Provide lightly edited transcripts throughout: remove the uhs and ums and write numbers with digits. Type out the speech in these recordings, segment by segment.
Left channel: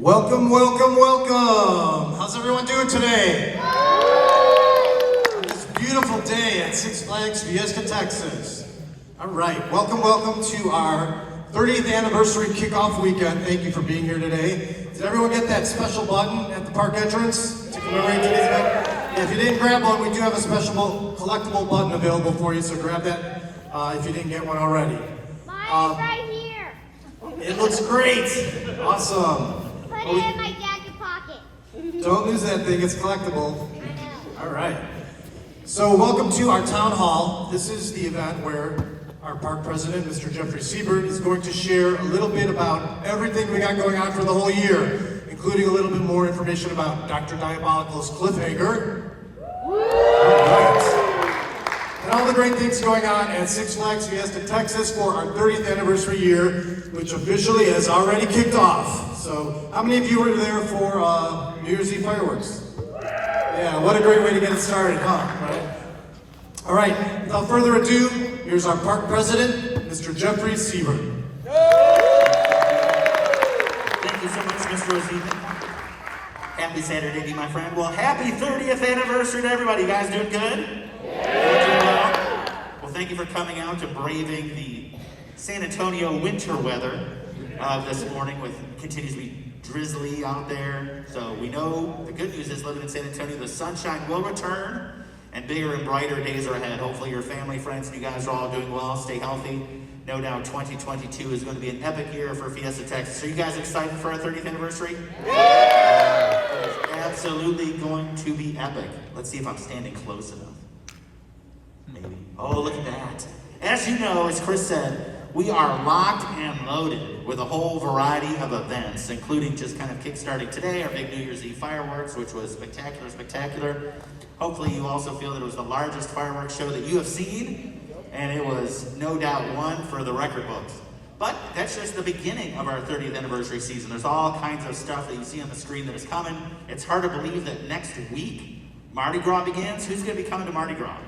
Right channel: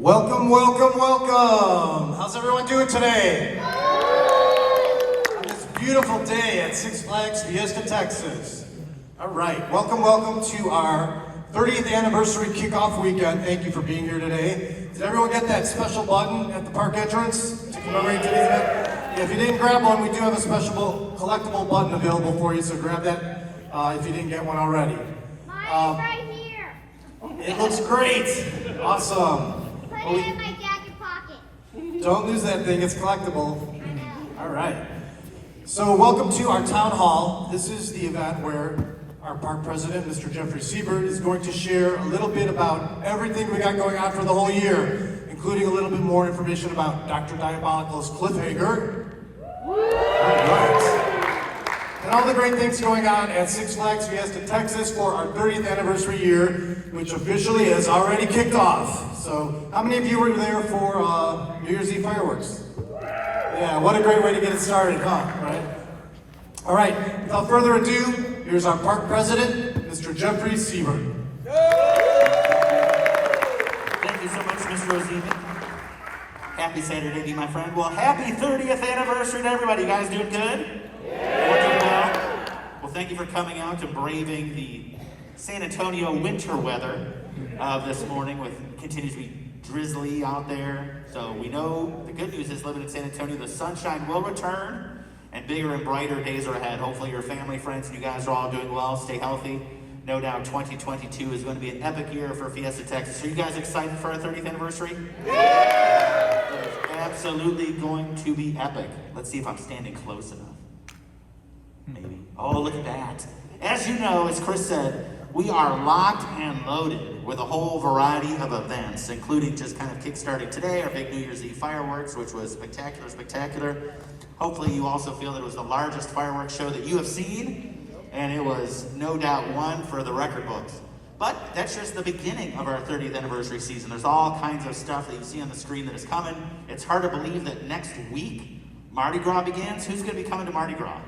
Welcome, welcome, welcome! How's everyone doing today? On this beautiful day at Six Flags Fiesta Texas. All right, welcome, welcome to our 30th anniversary kickoff weekend. Thank you for being here today. Did everyone get that special button at the park entrance to commemorate today's event? If you didn't grab one, we do have a special collectible button available for you, so grab that if you didn't get one already. Mine's right here. It looks great! Awesome! Put it in my jacket pocket. Don't lose that thing, it's collectible. I know. All right. So welcome to our town hall. This is the event where our park president, Mr. Jeffrey Siebert, is going to share a little bit about everything we got going on for the whole year, including a little bit more information about Dr. Diabolical's Cliffhanger. All right. And all the great things going on at Six Flags Fiesta Texas for our 30th anniversary year, which officially has already kicked off. So, how many of you were there for New Year's Eve fireworks? Yeah, what a great way to get it started, huh? Right? All right, without further ado, here's our park president, Mr. Jeffrey Siebert. Thank you so much, Mr. Siebert. Happy Saturday to you, my friend. Well, happy 30th anniversary to everybody. You guys doing good? Yeah. Well, thank you for coming out and braving the San Antonio winter weather this morning. Continues to be drizzly out there. So we know the good news is living in San Antonio, the sunshine will return and bigger and brighter days are ahead. Hopefully your family, friends, and you guys are all doing well. Stay healthy. No doubt 2022 is going to be an epic year for Fiesta Texas. Are you guys excited for our 30th anniversary? Yeah! It's absolutely going to be epic. Let's see if I'm standing close enough. Maybe. Oh, look at that. As you know, as Chris said, we are locked and loaded with a whole variety of events, including just kind of kickstarting today, our big New Year's Eve fireworks, which was spectacular. Hopefully you also feel that it was the largest fireworks show that you have seen, and it was no doubt one for the record books. But that's just the beginning of our 30th anniversary season. There's all kinds of stuff that you see on the screen that is coming. It's hard to believe that next week, Mardi Gras begins. Who's going to be coming to Mardi Gras?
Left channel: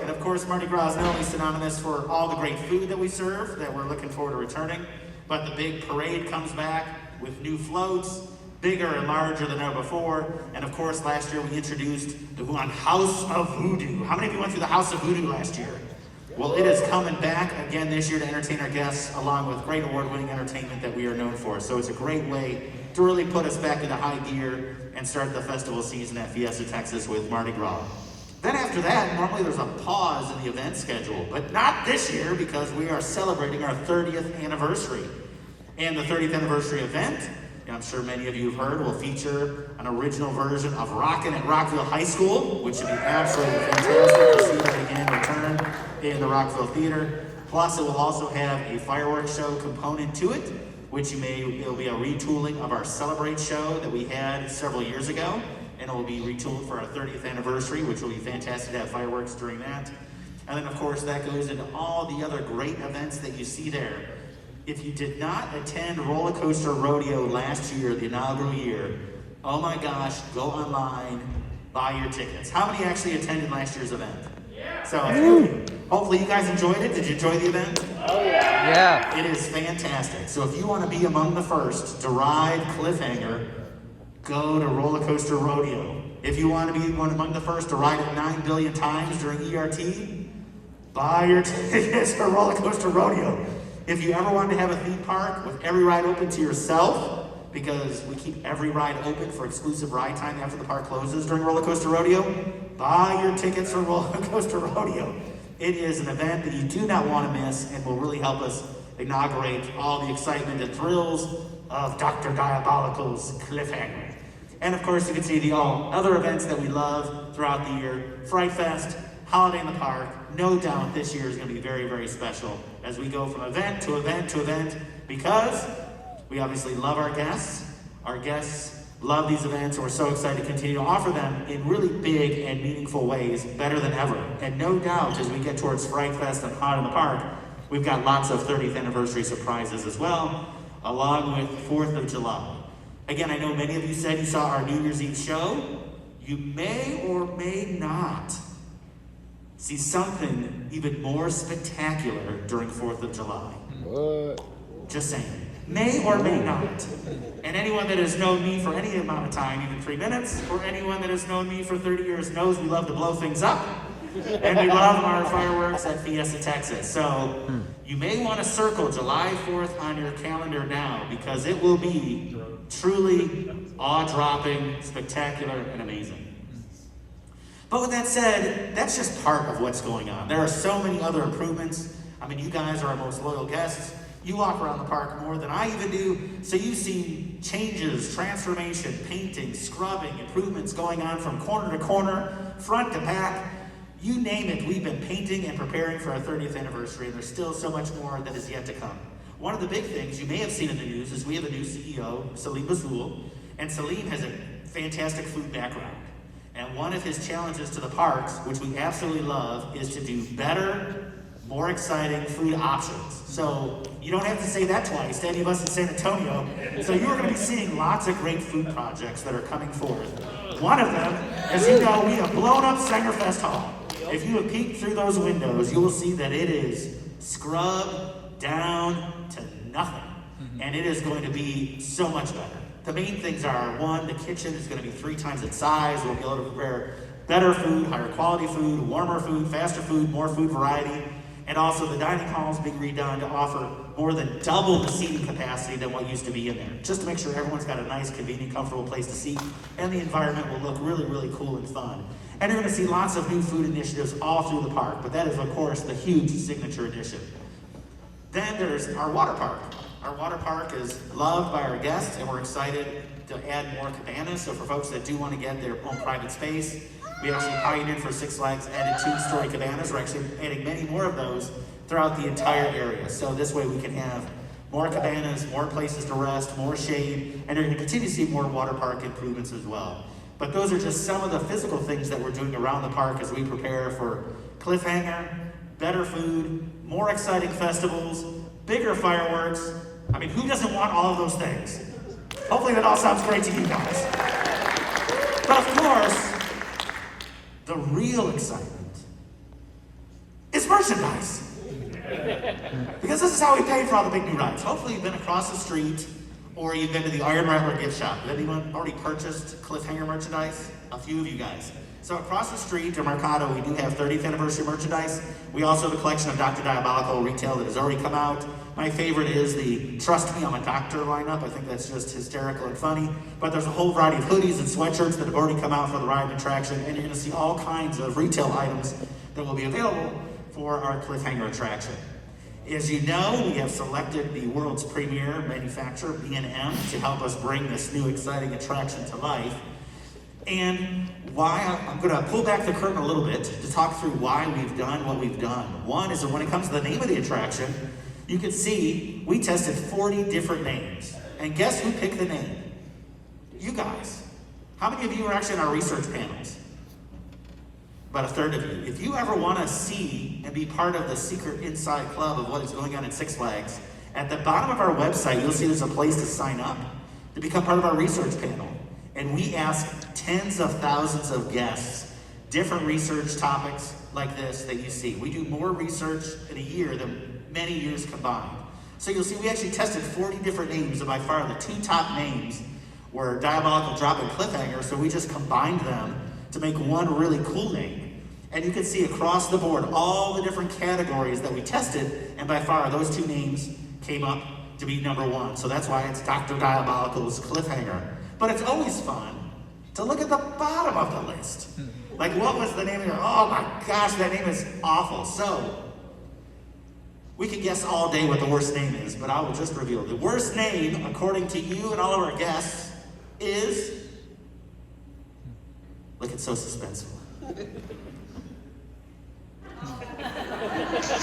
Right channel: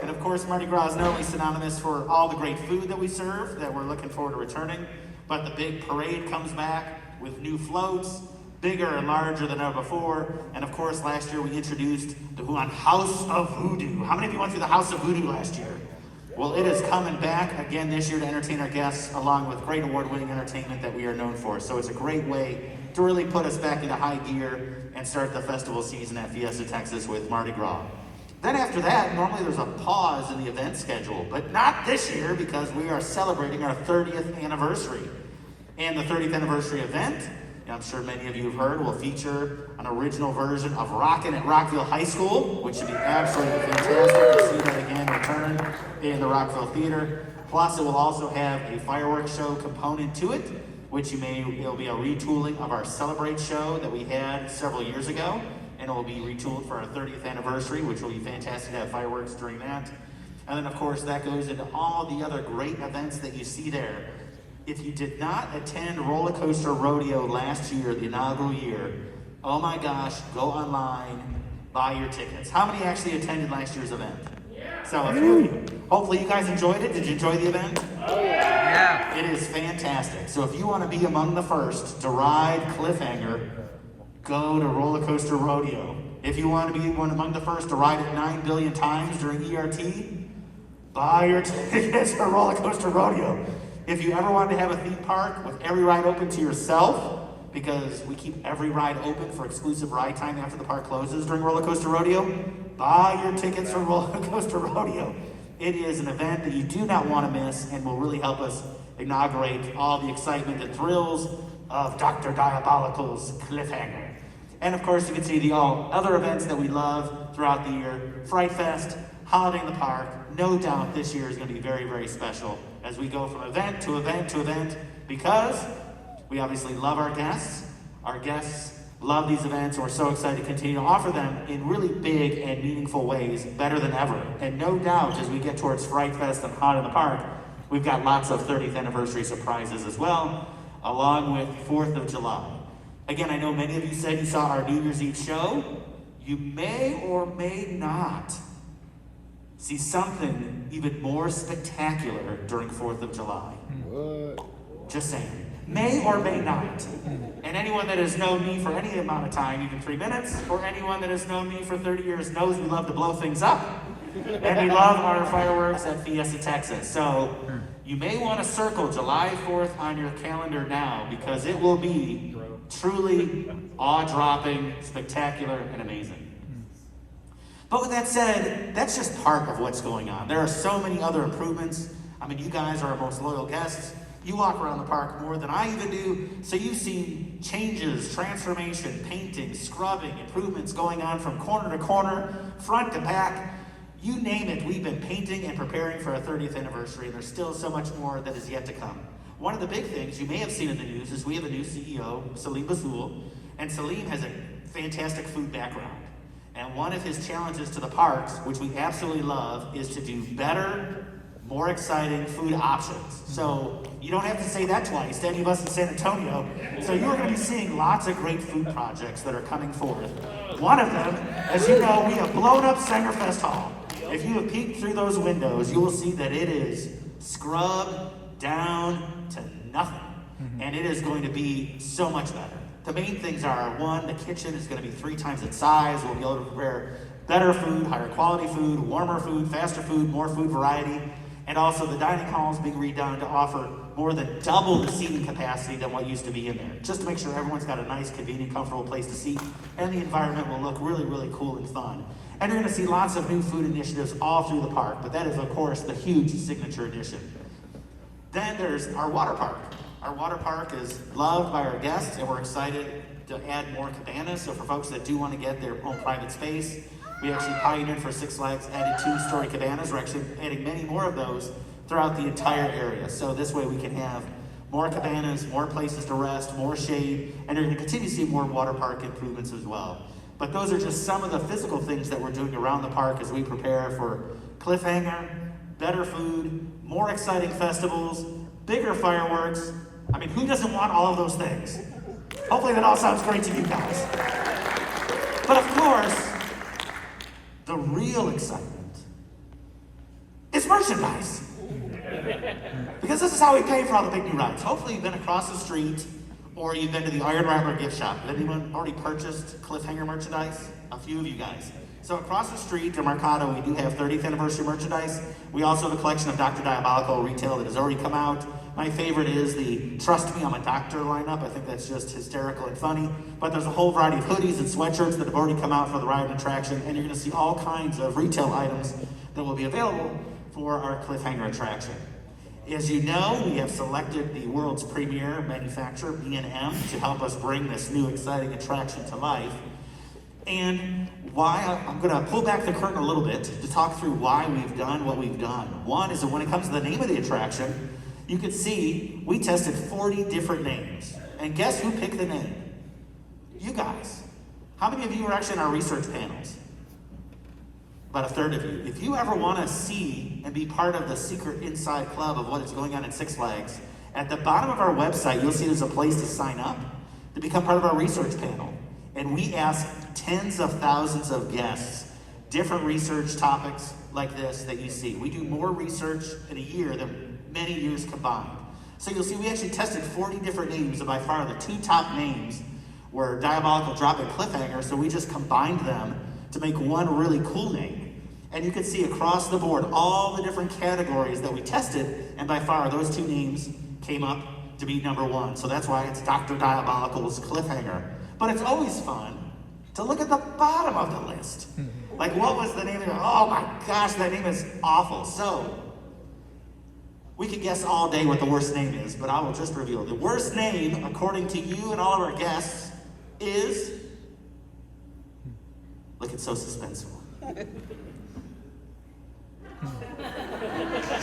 And of course, Mardi Gras is not only synonymous for all the great food that we serve, that we're looking forward to returning, but the big parade comes back with new floats, bigger and larger than ever before. And of course, last year we introduced the House of Voodoo. How many of you went through the House of Voodoo last year? Well, it is coming back again this year to entertain our guests, along with great award-winning entertainment that we are known for. So it's a great way to really put us back into high gear and start the festival season at Fiesta Texas with Mardi Gras. Then after that, normally there's a pause in the event schedule, but not this year because we are celebrating our 30th anniversary. And the 30th anniversary event, and I'm sure many of you have heard, will feature an original version of Rockin' at Rockville High School, which should be absolutely fantastic to see that again return in the Rockville Theater. Plus, it will also have a fireworks show component to it, which it'll be a retooling of our Celebrate show that we had several years ago. And it will be retooled for our 30th anniversary, which will be fantastic to have fireworks during that. And then, of course, that goes into all the other great events that you see there. If you did not attend Roller Coaster Rodeo last year, the inaugural year, oh my gosh, go online, buy your tickets. How many actually attended last year's event? Yeah. So, hopefully you guys enjoyed it. Did you enjoy the event? Yeah. It is fantastic. So if you want to be among the first to ride Cliffhanger, go to Roller Coaster Rodeo. If you want to be one among the first to ride it 9 billion times during ERT, buy your tickets for Roller Coaster Rodeo. If you ever wanted to have a theme park with every ride open to yourself, because we keep every ride open for exclusive ride time after the park closes during Roller Coaster Rodeo, buy your tickets for Roller Coaster Rodeo. It is an event that you do not want to miss and will really help us inaugurate all the excitement and thrills of Dr. Diabolical's Cliffhanger. And of course, you can see the all other events that we love throughout the year. Fright Fest, Holiday in the Park. No doubt this year is going to be very, very special as we go from event to event to event, because we obviously love our guests. Our guests love these events, and we're so excited to continue to offer them in really big and meaningful ways, better than ever. And no doubt, as we get towards Fright Fest and Holiday in the Park, we've got lots of 30th anniversary surprises as well, along with 4th of July. Again, I know many of you said you saw our New Year's Eve show. You may or may not see something even more spectacular during 4th of July. What? Just saying. may or may not. And anyone that has known me for any amount of time, even 3 minutes, or anyone that has known me for 30 years knows we love to blow things up. And we love our fireworks at Fiesta Texas. So you may want to circle July 4th on your calendar now, because it will be truly awe-dropping, spectacular, and amazing. But with that said, that's just part of what's going on. There are so many other improvements. I mean, you guys are our most loyal guests. You walk around the park more than I even do, so you've seen changes, transformation, painting, scrubbing, improvements going on from corner to corner, front to back. You name it, we've been painting and preparing for our 30th anniversary, and there's still so much more that is yet to come. One of the big things you may have seen in the news is we have a new CEO, Salim Bazoul, and Salim has a fantastic food background. And one of his challenges to the parks, which we absolutely love, is to do better, more exciting food options. So you don't have to say that twice to any of us in San Antonio. So you're going to be seeing lots of great food projects that are coming forth. One of them, as you know, we have blown up Centerfest Hall. If you have peeked through those windows, you will see that it is scrubbed down to nothing. And it is going to be so much better. The main things are, one, the kitchen is going to be 3 times its size. We'll be able to prepare better food, higher quality food, warmer food, faster food, more food variety. And also the dining hall is being redone to offer more than double the seating capacity than what used to be in there. Just to make sure everyone's got a nice, convenient, comfortable place to seat, and the environment will look really, really cool and fun. And you're gonna see lots of new food initiatives all through the park, but that is, of course, the huge signature addition. Then there's our water park. Our water park is loved by our guests, and we're excited to add more cabanas. So for folks that do want to get their own private space, we actually pioneered for Six Flags, added 2-story cabanas. We're actually adding many more of those throughout the entire area. So this way we can have more cabanas, more places to rest, more shade, and you're going to continue to see more water park improvements as well. But those are just some of the physical things that we're doing around the park as we prepare for Cliffhanger, better food, more exciting festivals, bigger fireworks. I mean, who doesn't want all of those things? Hopefully that all sounds great to you guys. But of course, the real excitement is merchandise. Because this is how we pay for all the big new rides. Hopefully you've been across the street or you've been to the Rattler gift shop. Has anyone already purchased Cliffhanger merchandise? A few of you guys. So across the street to Mercado, we do have 30th anniversary merchandise. We also have a collection of Dr. Diabolical retail that has already come out. My favorite is the Trust Me, I'm a Doctor lineup. I think that's just hysterical and funny. But there's a whole variety of hoodies and sweatshirts that have already come out for the ride and attraction, and you're gonna see all kinds of retail items that will be available for our Cliffhanger attraction. As you know, we have selected the world's premier manufacturer, B&M, to help us bring this new exciting attraction to life. And why, I'm gonna pull back the curtain a little bit to talk through why we've done what we've done. One is that when it comes to the name of the attraction, you can see we tested 40 different names. And guess who picked the name? You guys. How many of you are actually in our research panels? About a third of you. If you ever want to see and be part of the secret inside club of what is going on at Six Flags, at the bottom of our website, you'll see there's a place to sign up to become part of our research panel. And we ask tens of thousands of guests, different research topics like this that you see. We do more research in a year than many years combined. So you'll see we actually tested 40 different names, and by far the 2 top names were Diabolical, Drop, and Cliffhanger, so we just combined them to make one really cool name. And you can see across the board all the different categories that we tested, and by far those 2 names came up to be number 1. So that's why it's Dr. Diabolical's Cliffhanger. But it's always fun to look at the bottom of the list. Like, what was the name of it? Oh my gosh, that name is awful. So we could guess all day what the worst name is, but I will just reveal. The worst name, according to you and all of our guests, is... Look, it's so suspenseful.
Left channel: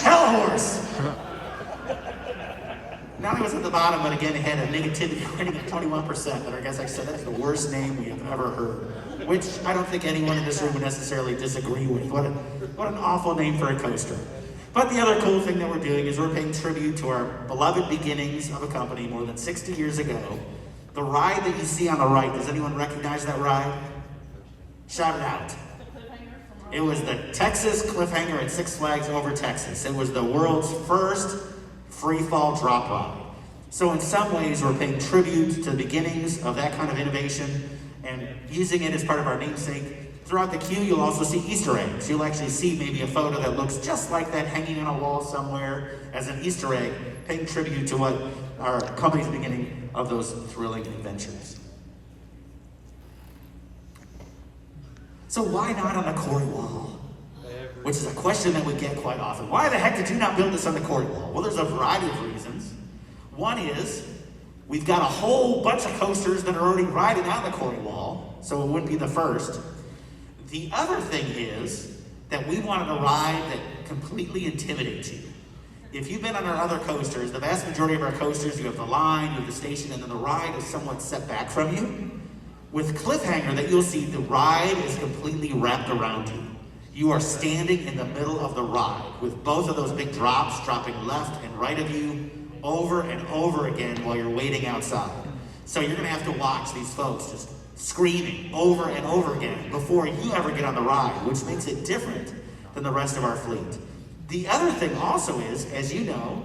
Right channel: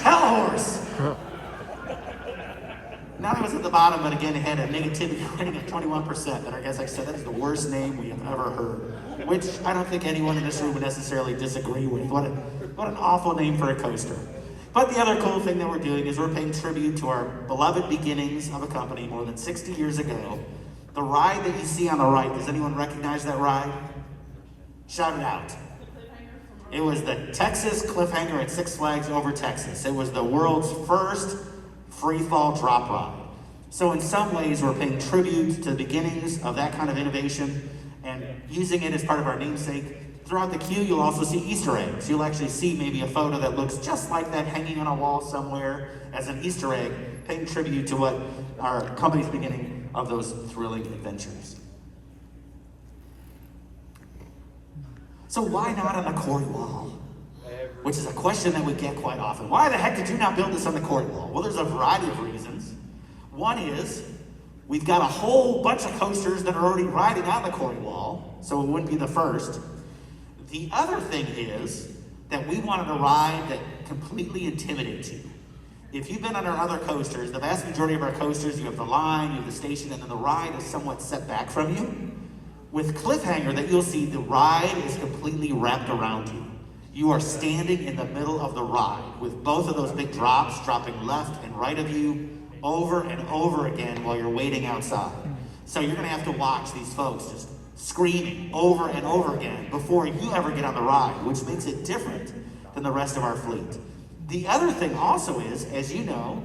Hell Horse! Not only was at the bottom, but again, it had a negativity rating at 21%, and I guess I said that's the worst name we have ever heard, which I don't think anyone in this room would necessarily disagree with. What an awful name for a coaster. But the other cool thing that we're doing is we're paying tribute to our beloved beginnings of a company more than 60 years ago. The ride that you see on the right, does anyone recognize that ride? Shout it out. It was the Texas Cliffhanger at Six Flags over Texas. It was the world's first free fall drop ride. So in some ways, we're paying tribute to the beginnings of that kind of innovation and using it as part of our namesake. Throughout the queue, you'll also see Easter eggs. You'll actually see maybe a photo that looks just like that hanging on a wall somewhere as an Easter egg, paying tribute to what our company's beginning of those thrilling adventures. So why not on a quarry wall? Which is a question that we get quite often. Why the heck did you not build this on the quarry wall? Well, there's a variety of reasons. One is, we've got a whole bunch of coasters that are already riding on the quarry wall, so it wouldn't be the first. The other thing is that we wanted a ride that completely intimidates you. If you've been on our other coasters, the vast majority of our coasters, you have the line, you have the station, and then the ride is somewhat set back from you. With Cliffhanger, that you'll see, the ride is completely wrapped around you. You are standing in the middle of the ride with both of those big drops dropping left and right of you over and over again while you're waiting outside. So you're gonna have to watch these folks just screaming over and over again before you ever get on the ride, which makes it different than the rest of our fleet. The other thing also is, as you know,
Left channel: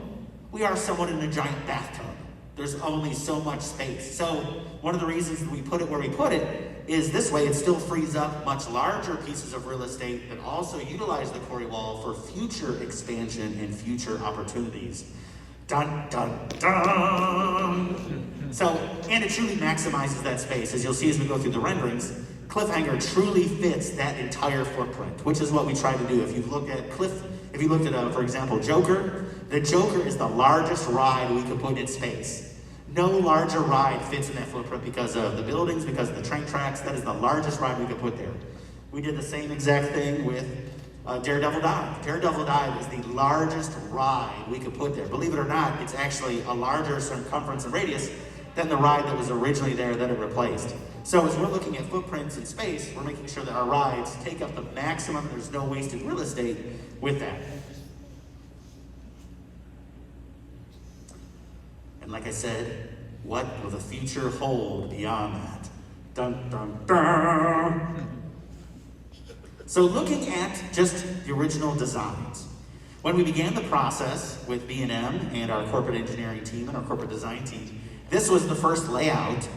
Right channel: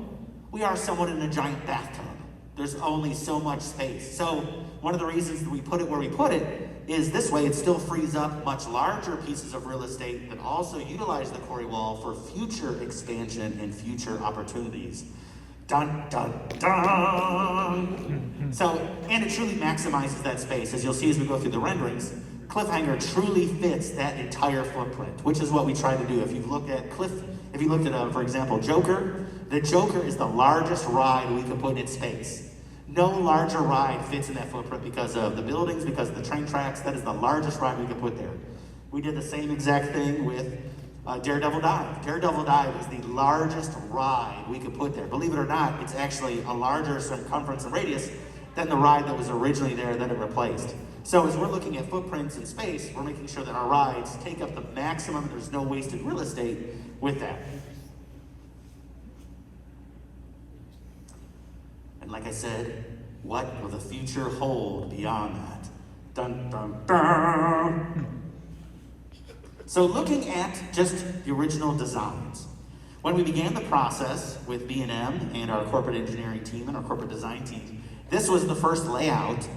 we are somewhat in a giant bathtub. There's only so much space. So one of the reasons we put it where we put it is this way it still frees up much larger pieces of real estate that also utilize the quarry wall for future expansion and future opportunities. Dun, dun, dun. So, and it truly maximizes that space. As you'll see as we go through the renderings, Cliffhanger truly fits that entire footprint, which is what we try to do. If you looked at for example, Joker, the Joker is the largest ride we could put in space. No larger ride fits in that footprint because of the buildings, because of the train tracks. That is the largest ride we could put there. We did the same exact thing with Daredevil Dive. Daredevil Dive is the largest ride we could put there. Believe it or not, it's actually a larger circumference and radius than the ride that was originally there that it replaced. So as we're looking at footprints in space, we're making sure that our rides take up the maximum, there's no wasted real estate with that. And like I said, what will the future hold beyond that? Dun, dun, dun. So looking at just the original designs, when we began the process with B&M and our corporate engineering team and our corporate design team, this was the first layout,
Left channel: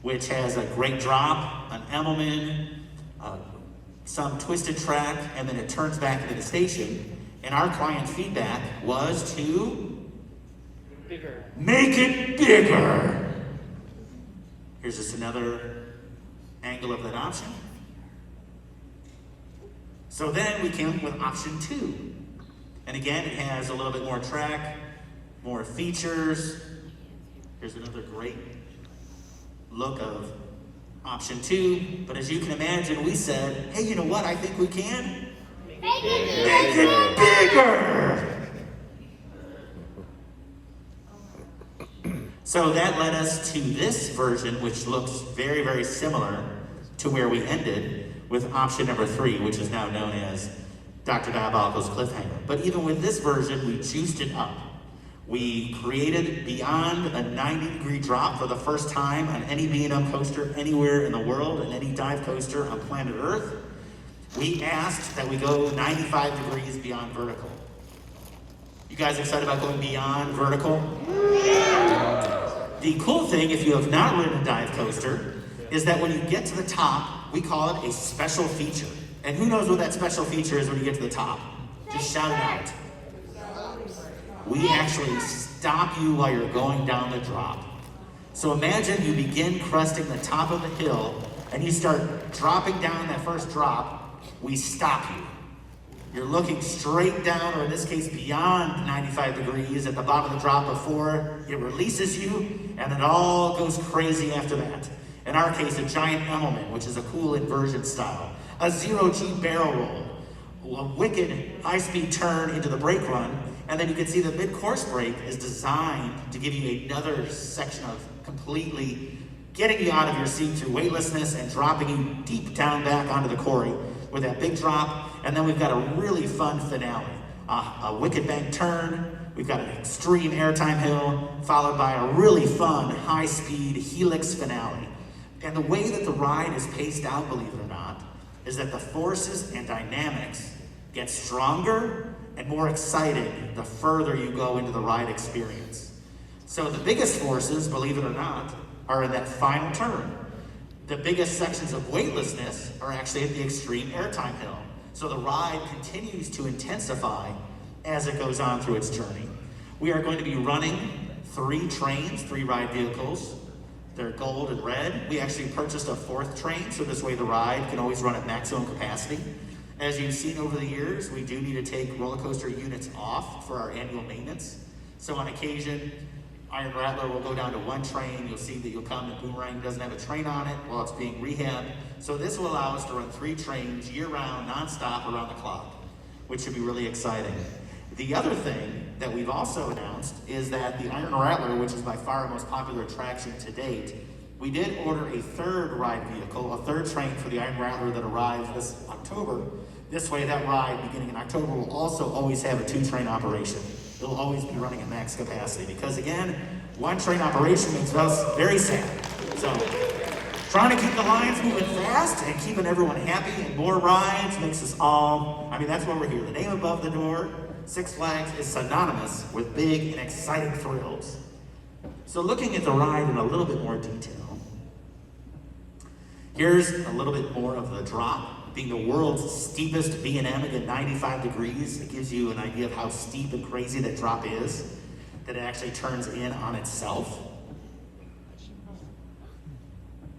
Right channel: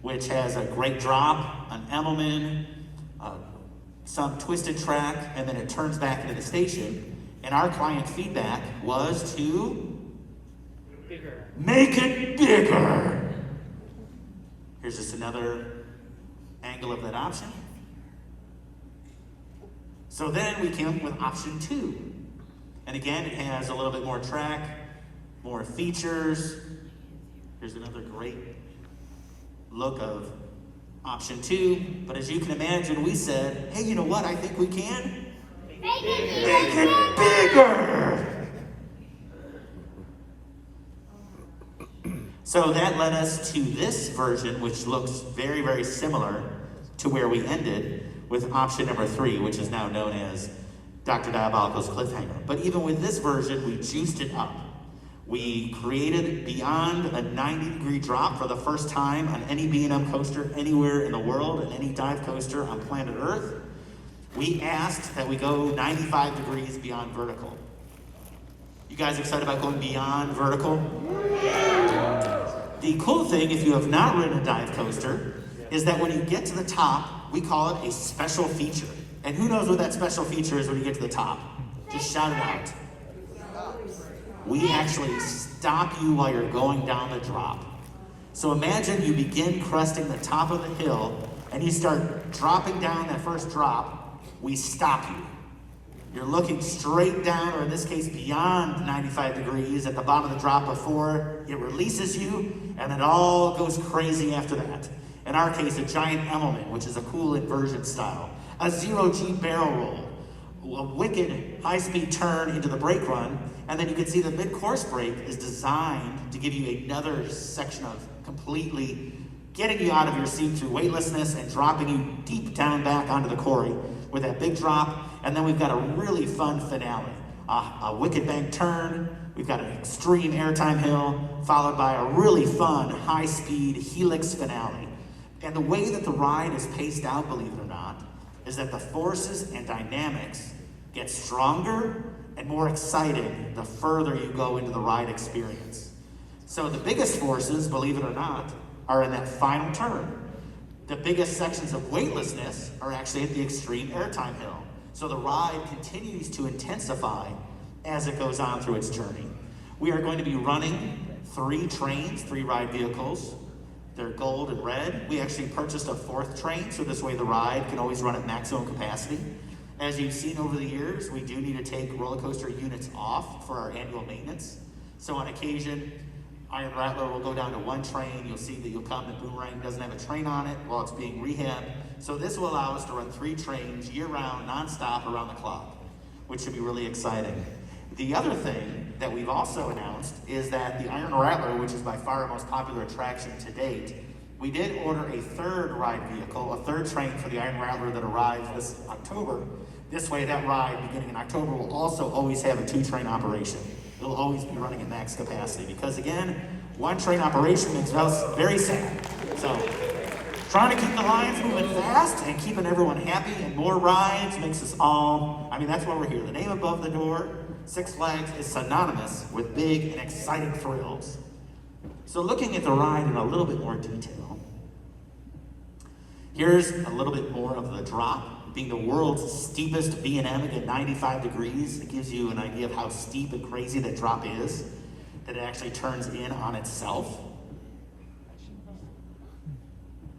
which has a great drop, an Emmelman, some twisted track, and then it turns back into the station. And our client feedback was to make it bigger. Here's just another angle of that option. So then we came up with option 2. And again, it has a little bit more track, more features. Here's another great look of option 2. But as you can imagine, we said, hey, you know what? I think we can Make it bigger. So that led us to this version, which looks very, very similar to where we ended with option number 3, which is now known as Dr. Diabolical's Cliffhanger. But even with this version, we juiced it up. We created beyond a 90-degree drop for the first time on any B&M coaster anywhere in the world, and any dive coaster on planet Earth. We asked that we go 95 degrees beyond vertical. You guys excited about going beyond vertical? The cool thing, if you have not ridden a dive coaster, is that when you get to the top, we call it a special feature. And who knows what that special feature is when you get to the top? Just shout it out. We actually stop you while you're going down the drop. So imagine you begin cresting the top of the hill and you start dropping down that first drop. We stop you. You're looking straight down, or in this case beyond 95 degrees at the bottom of the drop before it releases you, and it all goes crazy after that. In our case, a giant Emmelman, which is a cool inversion style, a zero-G barrel roll, a wicked high-speed turn into the brake run, and then you can see the mid-course brake is designed to give you another section of completely getting you out of your seat to weightlessness and dropping you deep down back onto the quarry with that big drop. And then we've got a really fun finale, a wicked bank turn. We've got an extreme airtime hill, followed by a really fun high-speed helix finale. And the way that the ride is paced out, believe it or not, is that the forces and dynamics get stronger and more exciting the further you go into the ride experience. So the biggest forces, believe it or not, are in that final turn. The biggest sections of weightlessness are actually at the extreme airtime hill. So the ride continues to intensify as it goes on through its journey. We are going to be running 3 trains, 3 ride vehicles. They're gold and red. We actually purchased a 4th train, so this way the ride can always run at maximum capacity. As you've seen over the years, we do need to take roller coaster units off for our annual maintenance. So on occasion, Iron Rattler will go down to 1 train. You'll see that you'll come and Boomerang doesn't have a train on it while it's being rehabbed. So this will allow us to run 3 trains year-round, non-stop, around the clock, which should be really exciting. The other thing that we've also announced is that the Iron Rattler, which is by far our most popular attraction to date, we did order a 3rd ride vehicle, a 3rd train for the Iron Rattler that arrives this October. This way, that ride beginning in October will also always have a 2-train operation. It'll always be running at max capacity because, again, 1 train operation makes us very sad. So, trying to keep the lines moving fast and keeping everyone happy and more rides makes us all, that's why we're here. The name above the door, Six Flags, is synonymous with big and exciting thrills. So looking at the ride in a little bit more detail, here's a little bit more of the drop. Being the world's steepest B&M at 95 degrees, it gives you an idea of how steep and crazy that drop is, that it actually turns in on itself.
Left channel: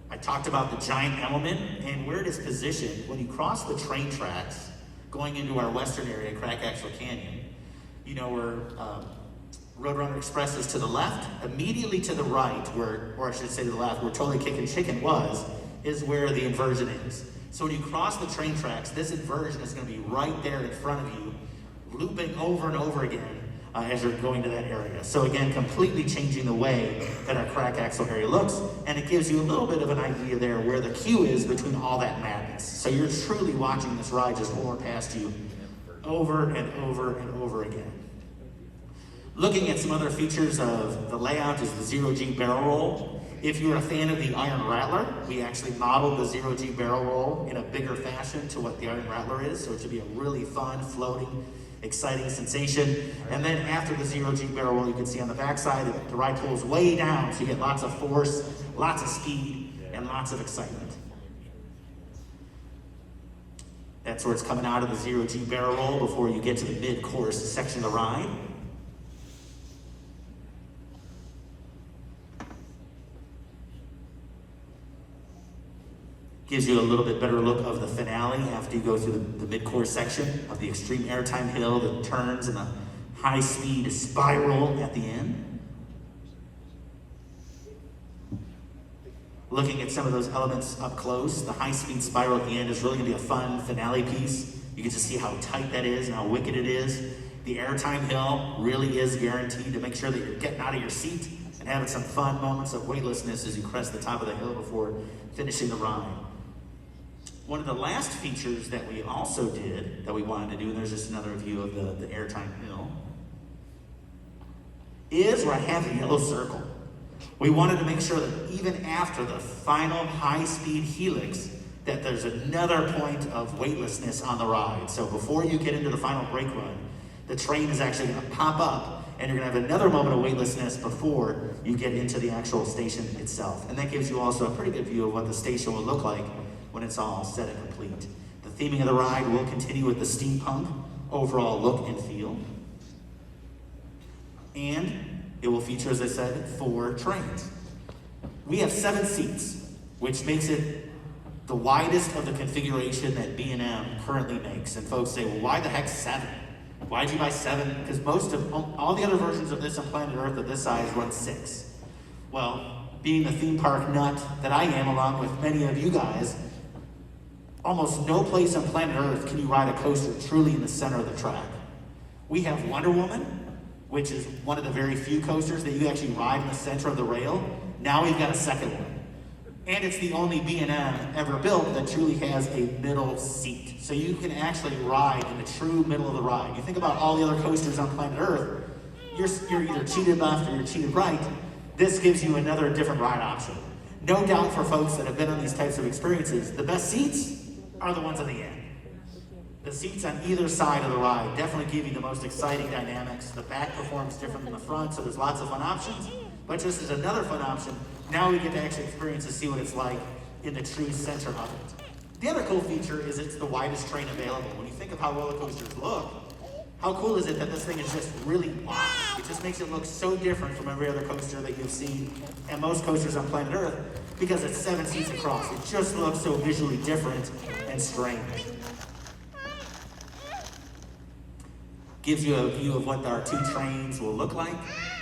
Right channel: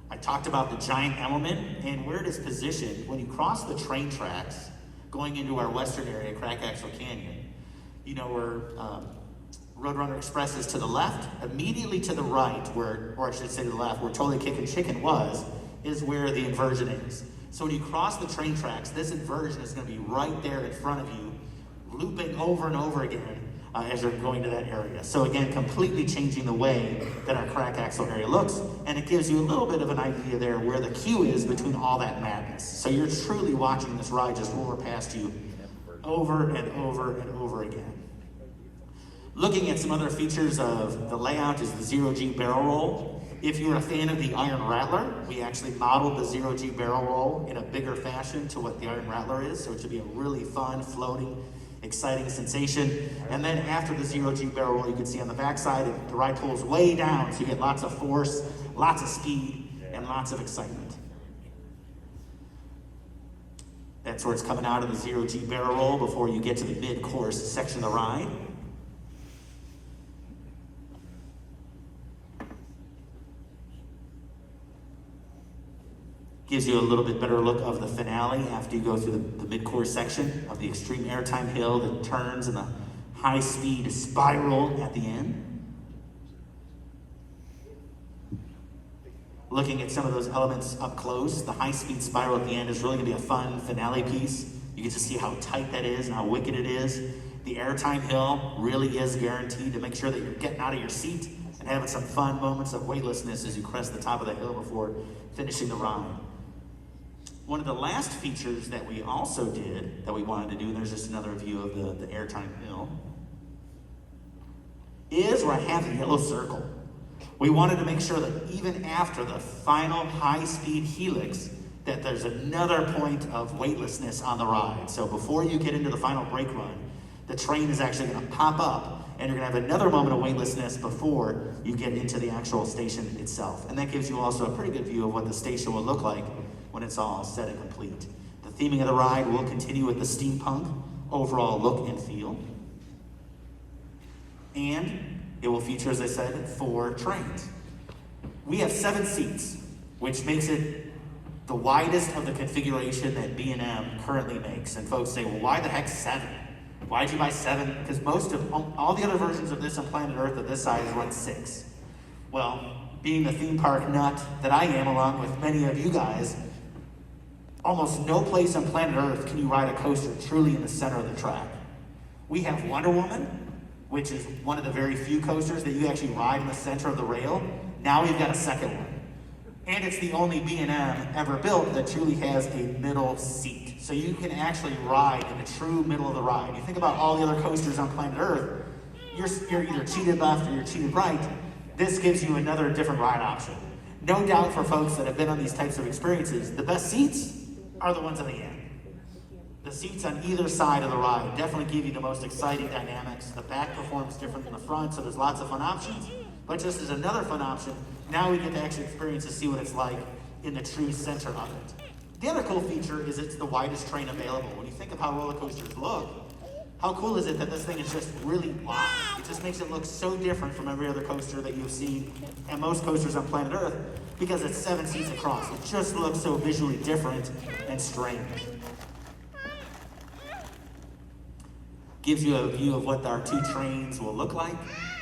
I talked about the giant element and where it is positioned when you cross the train tracks going into our western area, Crack Axle Canyon. You know where Roadrunner Express is to the left, immediately to the right, or I should say to the left, where Totally Kickin' Chicken was, is where the inversion is. So when you cross the train tracks, this inversion is going to be right there in front of you, looping over and over again as you're going to that area. So again, completely changing the way that our Crack Axle area looks, and it gives you a little bit of an idea there where the queue is between all that madness. So you're truly watching this ride just roar past you over and over and over again. Looking at some other features of the layout is the 0G barrel roll. If you're a fan of the Iron Rattler, we actually modeled the 0G barrel roll in a bigger fashion to what the Iron Rattler is, so it should be a really fun, floating, exciting sensation. And then after the 0G barrel roll, you can see on the backside, the ride pulls way down, so you get lots of force, lots of speed, and lots of excitement. That's where it's coming out of the 0G barrel roll before you get to the mid-course section of the ride. Gives you a little bit better look of the finale after you go through the mid-course section of the extreme airtime hill, the turns, and the high-speed spiral at the end. Looking at some of those elements up close, the high-speed spiral at the end is really going to be a fun finale piece. You get to see how tight that is and how wicked it is. The airtime hill really is guaranteed to make sure that you're getting out of your seat and having some fun moments of weightlessness as you crest the top of the hill before finishing the ride. One of the last features that we also did, that we wanted to do, and there's just another view of the airtime hill, is where I have the yellow circle. We wanted to make sure that even after the final high-speed helix, that there's another point of weightlessness on the ride. So before you get into the final brake run, the train is actually going to pop up, and you're going to have another moment of weightlessness before you get into the actual station itself. And that gives you also a pretty good view of what the station will look like when it's all set and complete. The theming of the ride will continue with the steampunk overall look and feel. And it will feature, as I said, 4 trains. We have 7 seats, which makes it the widest of the configuration that B&M currently makes. And folks say, well, why the heck 7? Why'd you buy 7? Because most of all the other versions of this on planet Earth of this size run 6. Well, being the theme park nut that I am, along with many of you guys, almost no place on planet Earth can you ride a coaster truly in the center of the track. We have Wonder Woman, which is one of the very few coasters that you actually ride in the center of the rail. Now we've got a second one. And it's the only B&M ever built that truly has a middle seat. So you can actually ride in the true middle of the ride. You think about all the other coasters on planet Earth, you're either cheated left or you're cheated right. This gives you another different ride option. No doubt for folks that have been on these types of experiences, the best seats are the ones at the end. The seats on either side of the ride definitely give you the most exciting dynamics. The back performs different than the front, so there's lots of fun options. But just as another fun option, now we get to actually experience to see what it's like in the true center of it. The other cool feature is it's the widest train available. When you think of how roller coasters look, how cool is it that this thing is just really wide? It just makes it look so different from every other coaster that you've seen and most coasters on planet Earth because it's 7 seats across. It just looks so visually different and strange. Gives you a view of what our 2 trains will look like.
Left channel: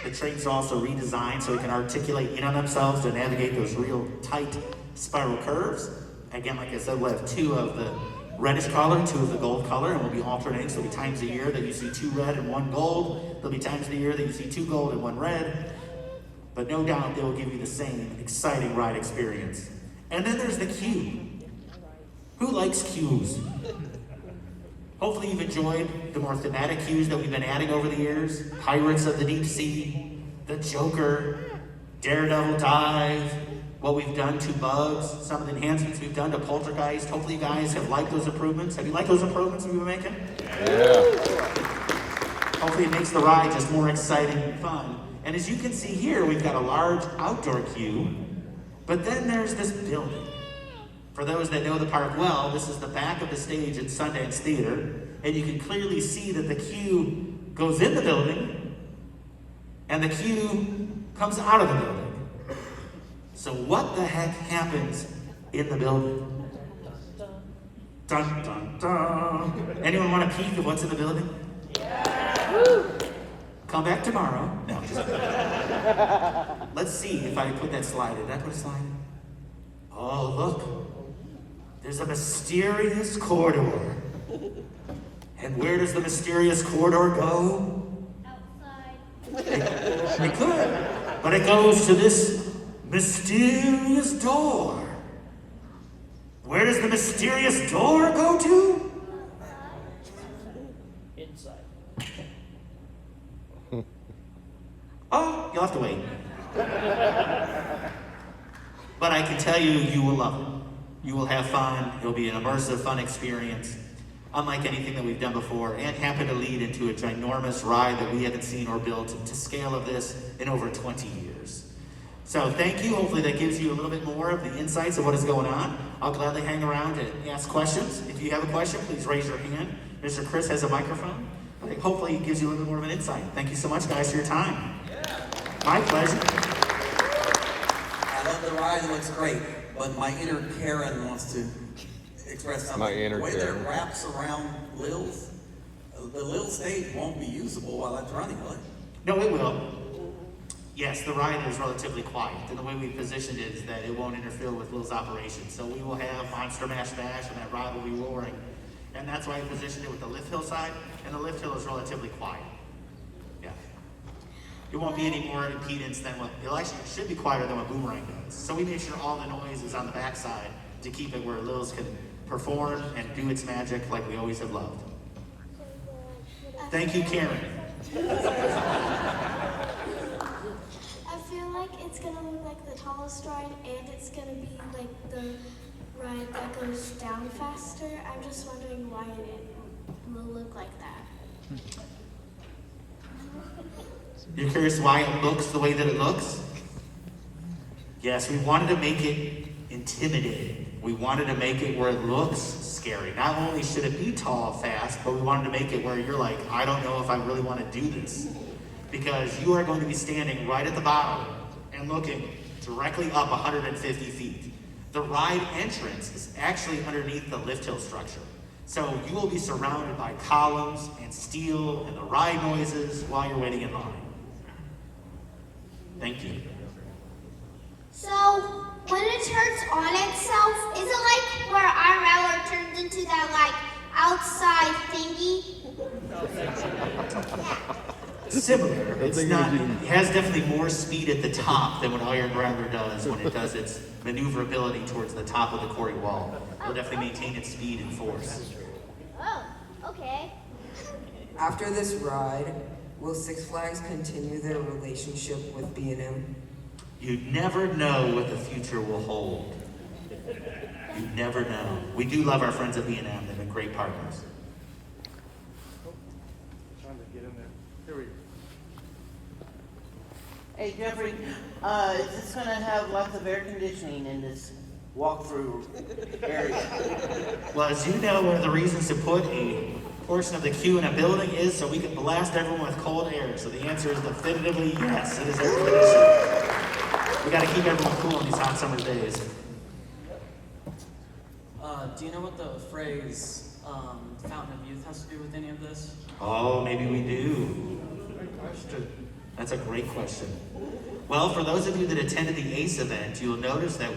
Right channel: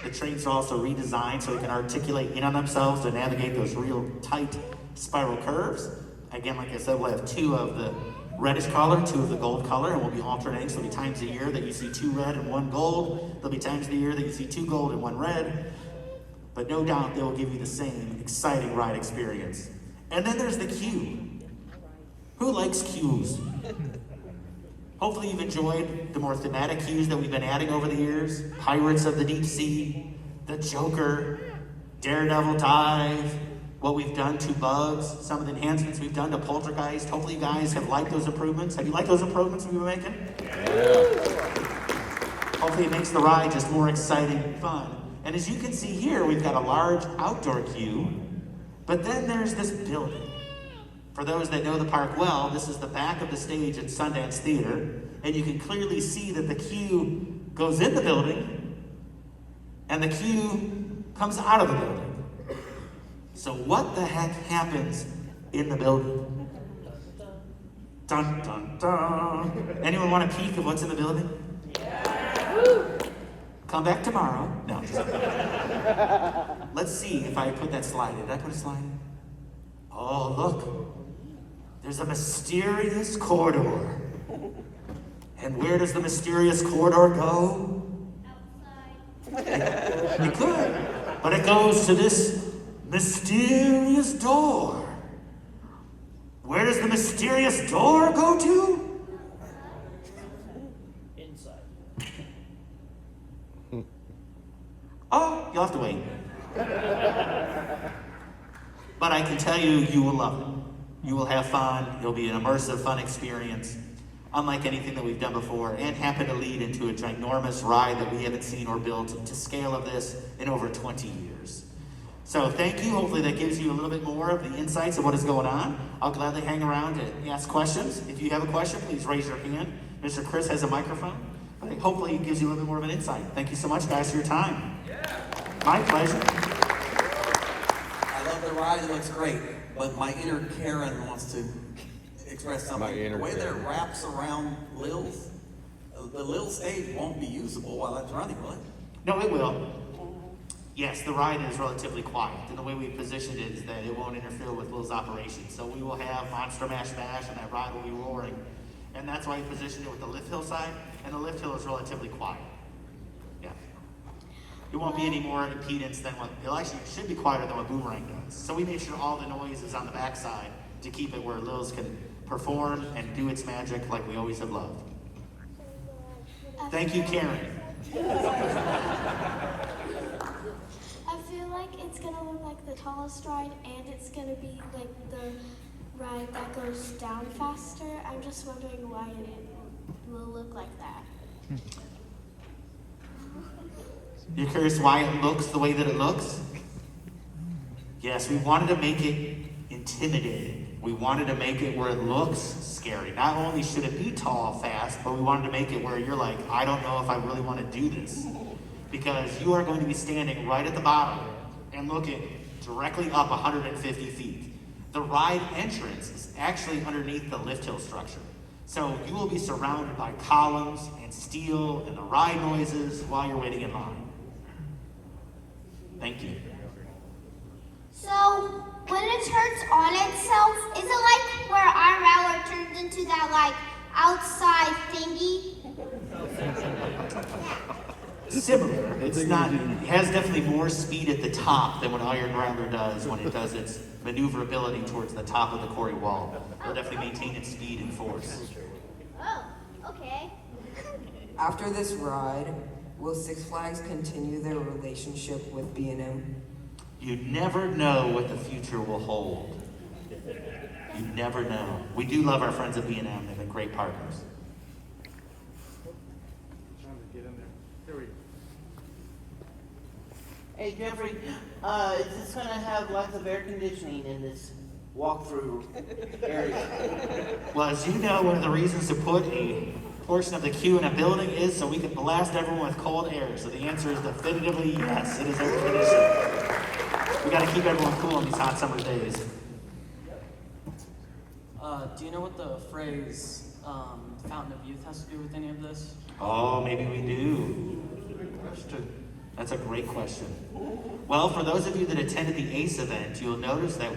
The trains are also redesigned so they can articulate in on themselves to navigate those real tight spiral curves. Again, like I said, we'll have 2 of the reddish color, 2 of the gold color, and we'll be alternating. So there'll be times a year that you see 2 red and 1 gold. There'll be times of the year that you see 2 gold and 1 red. But no doubt they will give you the same exciting ride experience. And then there's the queue. Who likes queues? Hopefully you've enjoyed the more thematic queues that we've been adding over the years. Pirates of the Deep Sea, the Joker, Daredevil Dive, what we've done to Bugs, some of the enhancements we've done to Poltergeist. Hopefully you guys have liked those improvements. Have you liked those improvements we've been making? Yeah. Hopefully it makes the ride just more exciting and fun. And as you can see here, we've got a large outdoor queue, but then there's this building. For those that know the park well, this is the back of the stage at Sundance Theater, and you can clearly see that the queue goes in the building, and the queue comes out of the building. So what the heck happens in the building? Dun, dun, dun. Anyone want a peek of what's in the building? Yeah. Come back tomorrow. No, just kidding. Let's see if I put that slide. Did I put a slide? Oh, look. There's a mysterious corridor. And where does the mysterious corridor go? Outside. It could. But it goes to this mysterious door. Where does the mysterious door go to? Inside. Oh, you'll have to wait. But I can tell you, you will love it. You will have fun. It'll be an immersive, fun experience, unlike anything that we've done before, and happen to lead into a ginormous ride that we haven't seen or built to scale of this in over 20 years. So thank you. Hopefully that gives you a little bit more of the insights of what is going on. I'll gladly hang around and ask questions. If you have a question, please raise your hand. Mr. Chris has a microphone. Hopefully it gives you a little bit more of an insight. Thank you so much, guys, for your time. My pleasure. I love the ride, it looks great, but my inner Karen wants to express something. My inner the way that Karen. it wraps around Lil's, the Lil stage won't be usable while that's running, will it? No, it will. Yes, the ride is relatively quiet, and the way we positioned it is that it won't interfere with Will's operation. So we will have Monster Mash Bash, and that ride will be roaring. And that's why we positioned it with the lift hill side, and the lift hill is relatively quiet. Yeah. It won't be any more impedance than what, it should be quieter than what Boomerang does. So we made sure all the noise is on the backside to keep it where Lil's can perform and do its magic like we always have loved. Thank you, Karen. I feel like it's gonna look like the tallest ride, and it's gonna be like the ride that goes down faster. I'm just wondering why it will look like that. You're curious why it looks the way that it looks? Yes, we wanted to make it intimidating. We wanted to make it where it looks scary. Not only should it be tall, fast, but we wanted to make it where you're like, I don't know if I really want to do this. Because you are going to be standing right at the bottom and looking directly up 150 feet. The ride entrance is actually underneath the lift hill structure. So you will be surrounded by columns and steel and the ride noises while you're waiting in line. Thank you. So, when it turns on itself, is it like where our Rattler turns into that like outside thingy? Similar. It's not. It has definitely more speed at the top than what Iron Rattler does when it does its maneuverability towards the top of the quarry wall. It'll definitely maintain its speed and force. Oh, okay. After this ride, will Six Flags continue their relationship with B&M? You never know what the future will hold. You never know. We do love our friends at B&M. They've been great partners. Hey Jeffrey, is this gonna have lots of air conditioning in this walkthrough area? Well, as you know, one of the reasons to put a portion of the queue in a building is so we can blast everyone with cold air. So the answer is definitively yes, it is air conditioned. We gotta keep everyone cool in these hot summer days. Do you know what the phrase Fountain of Youth has to do with any of this? Oh, maybe we do. Good question. That's a great question. Well, for those of you that attended the ACE event, you'll notice that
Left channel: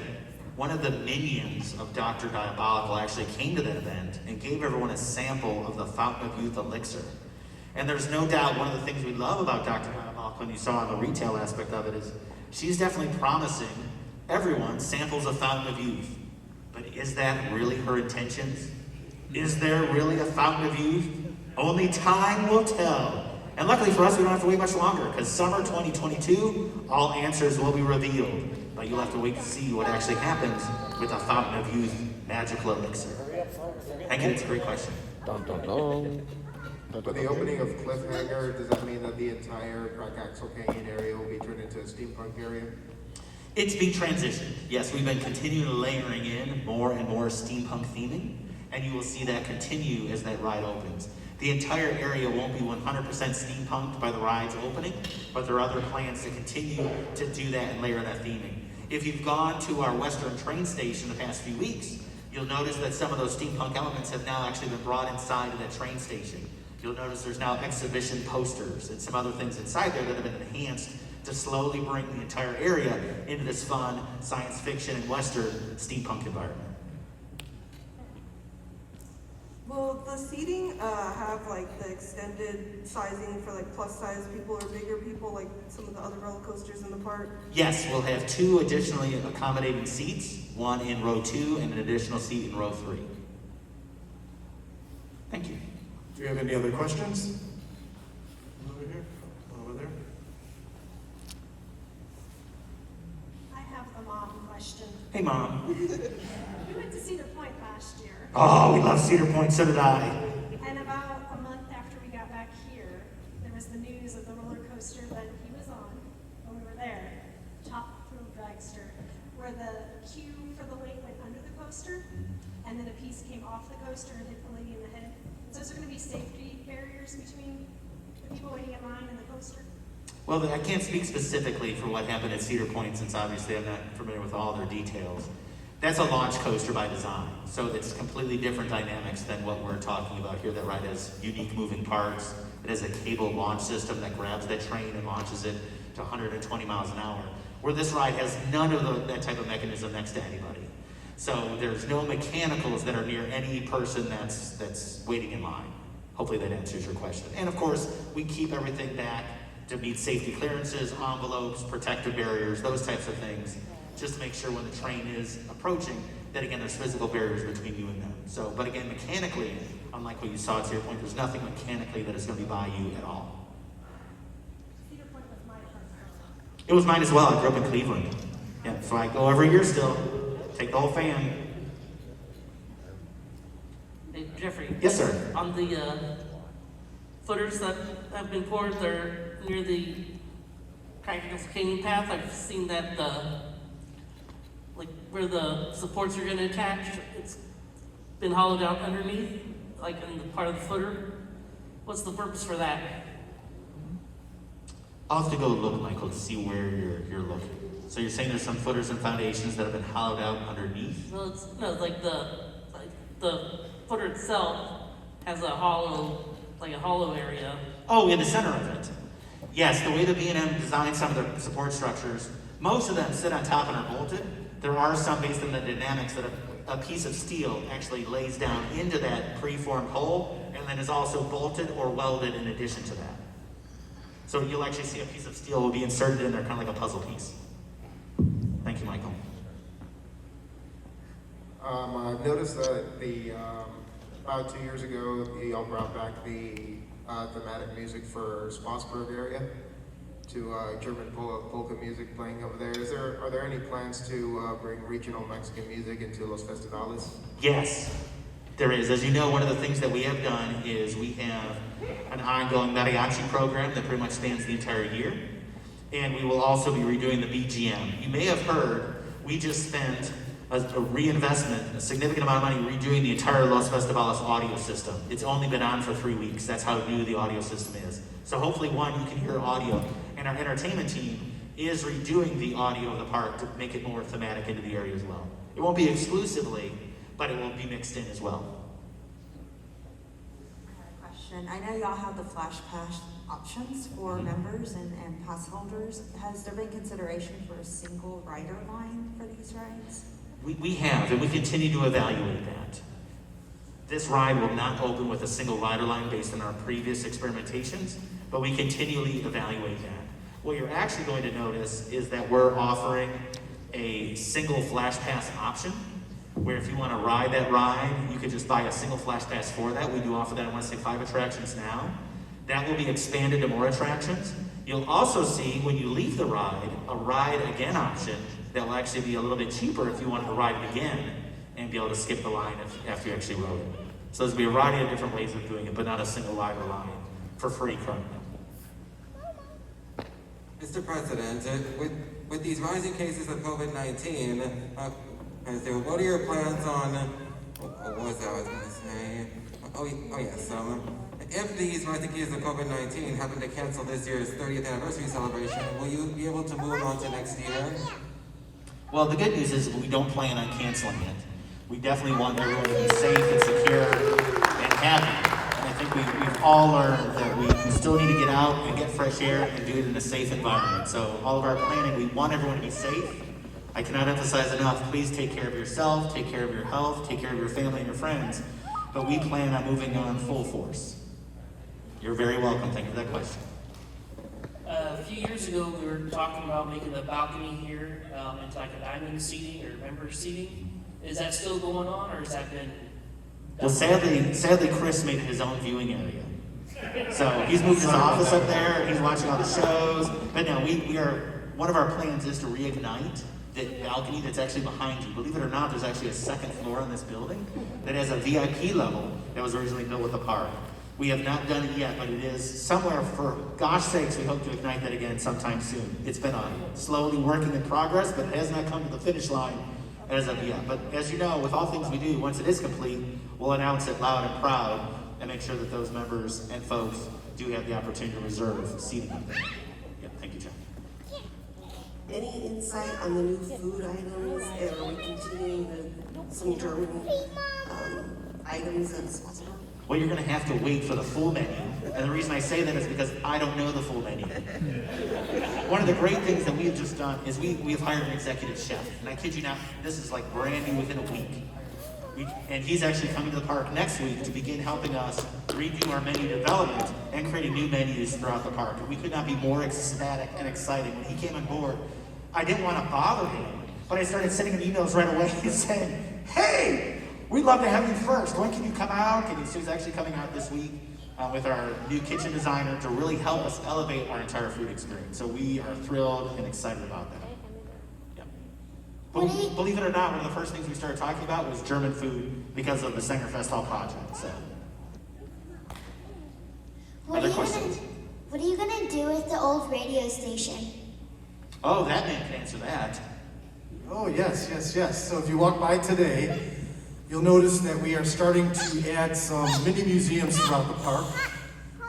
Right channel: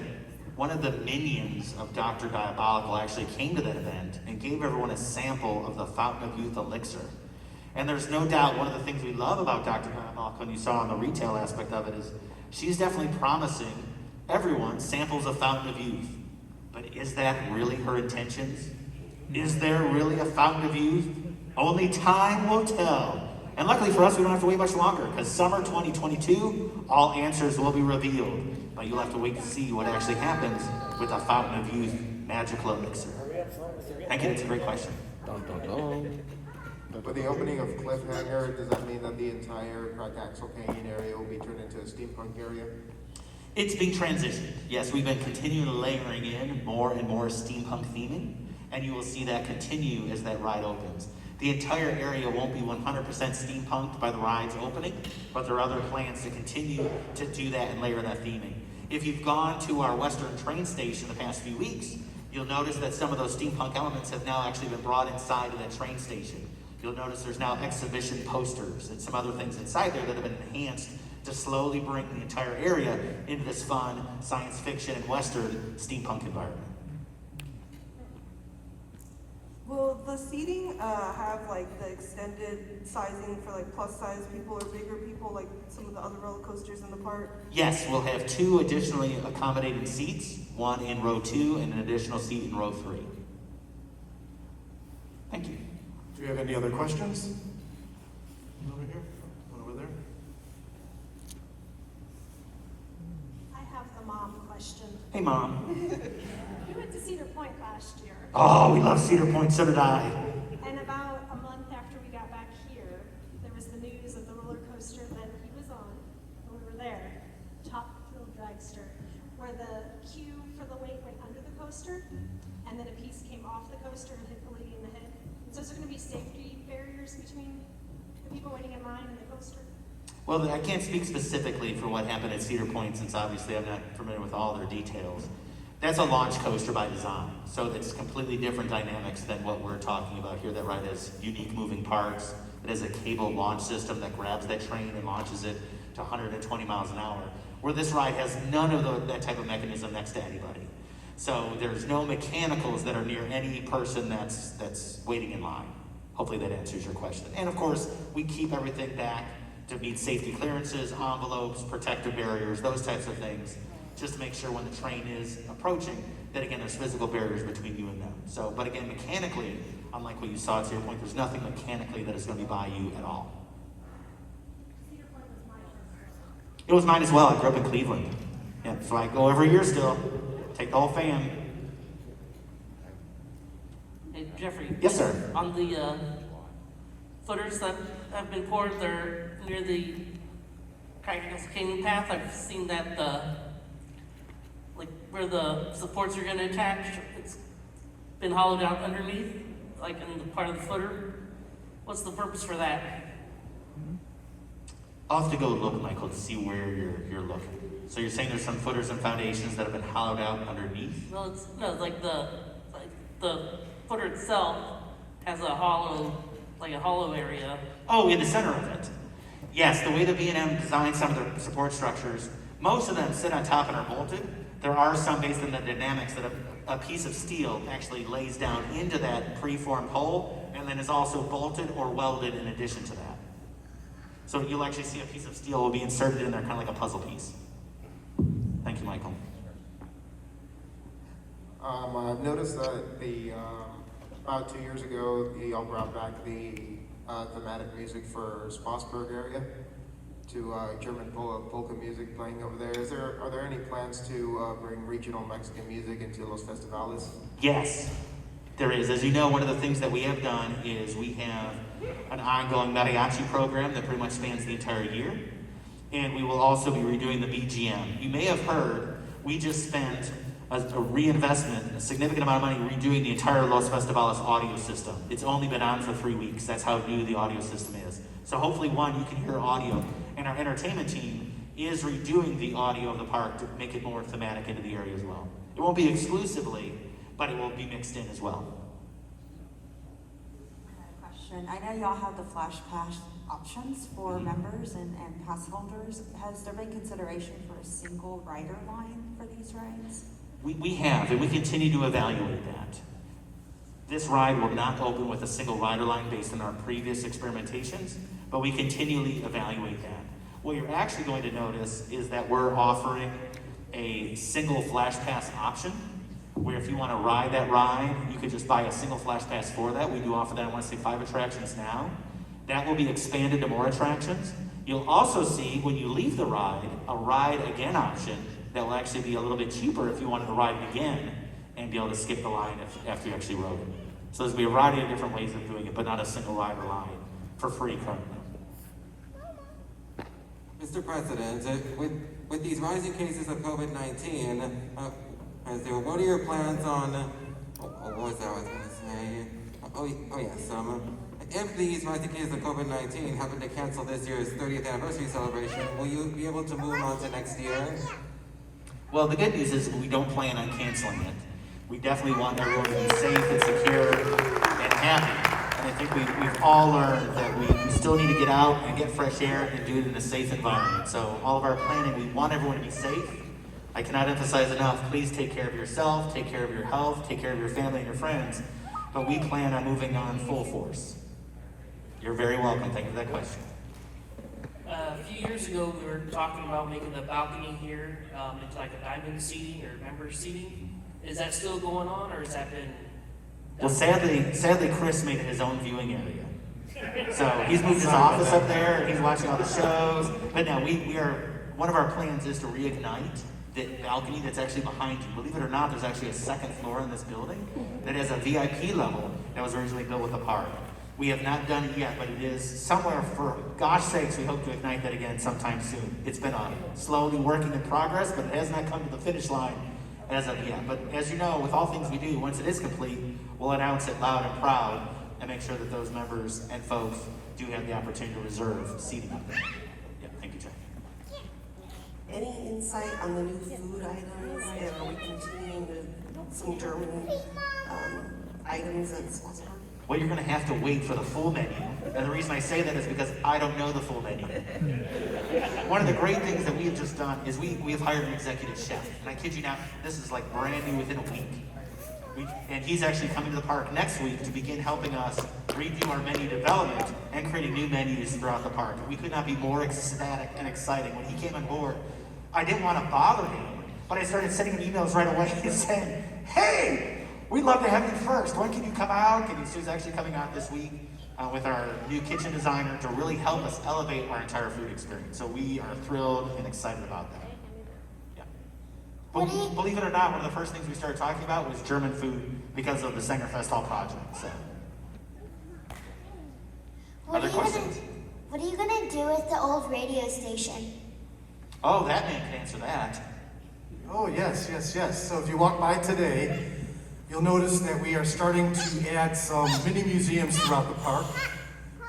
one of the minions of Dr. Diabolical actually came to that event and gave everyone a sample of the Fountain of Youth elixir. And there's no doubt one of the things we love about Dr. Diabolical, and you saw on the retail aspect of it, is she's definitely promising everyone samples of Fountain of Youth. But is that really her intentions? Is there really a Fountain of Youth? Only time will tell. And luckily for us, we don't have to wait much longer, because summer 2022, all answers will be revealed. But you'll have to wait to see what actually happens with a Fountain of Youth magical elixir. Thank you, that's a great question. With the opening of Cliffhanger, does that mean that the entire Crack Axle Canyon area will be turned into a steampunk area? It's being transitioned. Yes, we've been continually layering in more and more steampunk theming, and you will see that continue as that ride opens. The entire area won't be 100% steampunked by the ride's opening, but there are other plans to continue to do that and layer that theming. If you've gone to our Western train station the past few weeks, you'll notice that some of those steampunk elements have now actually been brought inside of that train station. You'll notice there's now exhibition posters and some other things inside there that have been enhanced to slowly bring the entire area into this fun science fiction and Western steampunk environment. Will the seating have like the extended sizing for like plus size people or bigger people like some of the other roller coasters in the park? Yes, we'll have 2 additionally accommodating seats, one in row 2 and an additional seat in row 3. Thank you. Do you have any other questions? Over here, over there. I have the mom question. Hey, Mom. We went to Cedar Point last year, Oh, we love Cedar Point, so did I. and about a month after we got back here, there was the news of the roller coaster that he was on when we were there, Top Thrill Dragster, where the queue for the lake went under the coaster, and then a piece came off the coaster and hit the lady in the head. So is there going to be safety barriers between the people waiting in line and the coaster? Well, I can't speak specifically for what happened at Cedar Point, since obviously I'm not familiar with all their details. That's a launch coaster by design, so it's completely different dynamics than what we're talking about here. That ride has unique moving parts. It has a cable launch system that grabs that train and launches it to 120 miles an hour, where this ride has none of that type of mechanism next to anybody. So there's no mechanicals that are near any person that's waiting in line. Hopefully that answers your question. And of course, we keep everything back to meet safety clearances, envelopes, protective barriers, those types of things, just to make sure when the train is approaching, that again, there's physical barriers between you and them. So, but again, mechanically, unlike what you saw at Cedar Point, there's nothing mechanically that is going to be by you at all. Cedar Point was my first. It was mine as well. I grew up in Cleveland. Yeah, so I go every year still. Take the whole family. Hey, Jeffrey. Yes, sir. On the footers that have been poured there near the Practice Canyon path, I've seen that like where the supports are going to attach, it's been hollowed out underneath, like in the part of the footer. What's the purpose for that? I'll have to go look, Michael, to see where you're looking. So you're saying there's some footers and foundations that have been hollowed out underneath? No, it's like the footer itself has a hollow area. Oh, in the center of it. Yes, the way the B&M designed some of the support structures, most of them sit on top and are bolted. There are some based on the dynamics that a piece of steel actually lays down into that preformed hole and then is also bolted or welded in addition to that. So you'll actually see a piece of steel will be inserted in there, kind of like a puzzle piece. Thank you, Michael. I've noticed that about 2 years ago, y'all brought back the thematic music for Spassburg area to German polka music playing over there. Are there any plans to bring regional Mexican music into Los Festivales? Yes, there is. As you know, one of the things that we have done is we have an ongoing mariachi program that pretty much spans the entire year. And we will also be redoing the BGM. You may have heard, we just spent a reinvestment, a significant amount of money redoing the entire Los Festivales audio system. It's only been on for 3 weeks. That's how new the audio system is. So hopefully, one, you can hear audio. And our entertainment team is redoing the audio of the park to make it more thematic into the area as well. It won't be exclusively, but it will be mixed in as well. Question. I know y'all have the Flash Pass options for members and pass holders. Has there been consideration for a single rider line for these rides? We have, and we continue to evaluate that. This ride will not open with a single rider line based on our previous experimentations, but we continually evaluate that. What you're actually going to notice is that we're offering a single Flash Pass option, where if you want to ride that ride, you could just buy a single Flash Pass for that. We do offer that, I want to say 5 attractions now. That will be expanded to more attractions. You'll also see, when you leave the ride, a ride again option that will actually be a little bit cheaper if you wanted to ride it again and be able to skip the line after you actually rode it. So there's going to be a variety of different ways of doing it, but not a single rider line for free currently. Mr. President, with these rising cases of COVID-19, what are your plans on, what was that I was going to say? If these rising cases of COVID-19 happen to cancel this year's 30th anniversary celebration, will you be able to move on to next year? Well, the good news is we don't plan on canceling it. We definitely want everyone to be safe and secure and happy. And I think we've all learned that we still need to get out and get fresh air and do it in a safe environment. So all of our planning, we want everyone to be safe. I cannot emphasize enough, please take care of yourself, take care of your health, take care of your family and your friends. But we plan on moving on full force. You're very welcome. Thank you for that question. A few years ago, we were talking about making the balcony here into like a diamond seating or member seating. Is that still going on, or has that been? Well, sadly, Chris made it his own viewing area. So he's moved his office up there. He's watching all the shows. But no, we are. One of our plans is to reignite the balcony that's actually behind you. Believe it or not, there's actually a second floor in this building that has a VIP level that was originally built with the park. We have not done it yet, but it is somewhere, for gosh sakes, we hope to ignite that again sometime soon. It's been a slowly working in progress, but it has not come to the finish line as of yet. But as you know, with all things we do, once it is complete, we'll announce it loud and proud and make sure that those members and folks do have the opportunity to reserve seating. Yep, thank you, Jack. Any insight on the new food items? Are we continuing with some German items and stuff? Well, you're going to have to wait for the full menu. And the reason I say that is because I don't know the full menu. One of the great things that we have just done is we have hired an executive chef. And I kid you not, this is like brand new within a week. And he's actually coming to the park next week to begin helping us review our menu development and creating new menus throughout the park. We could not be more ecstatic and exciting. When he came on board, I didn't want to bother him, but I started sending him emails right away saying, hey, we'd love to have you first. When can you come out? And he's actually coming out this week with our new kitchen designer to really help us elevate our entire food experience. So we are thrilled and excited about that. Yeah. Believe it or not, one of the first things we started talking about was German food because of the Sengerfest Hall project. So, other questions? What are you gonna do with the old radio station? Oh, that man can answer that. Oh, yes. So if you walk by today, you'll notice that we are starting to add some mini museums throughout the park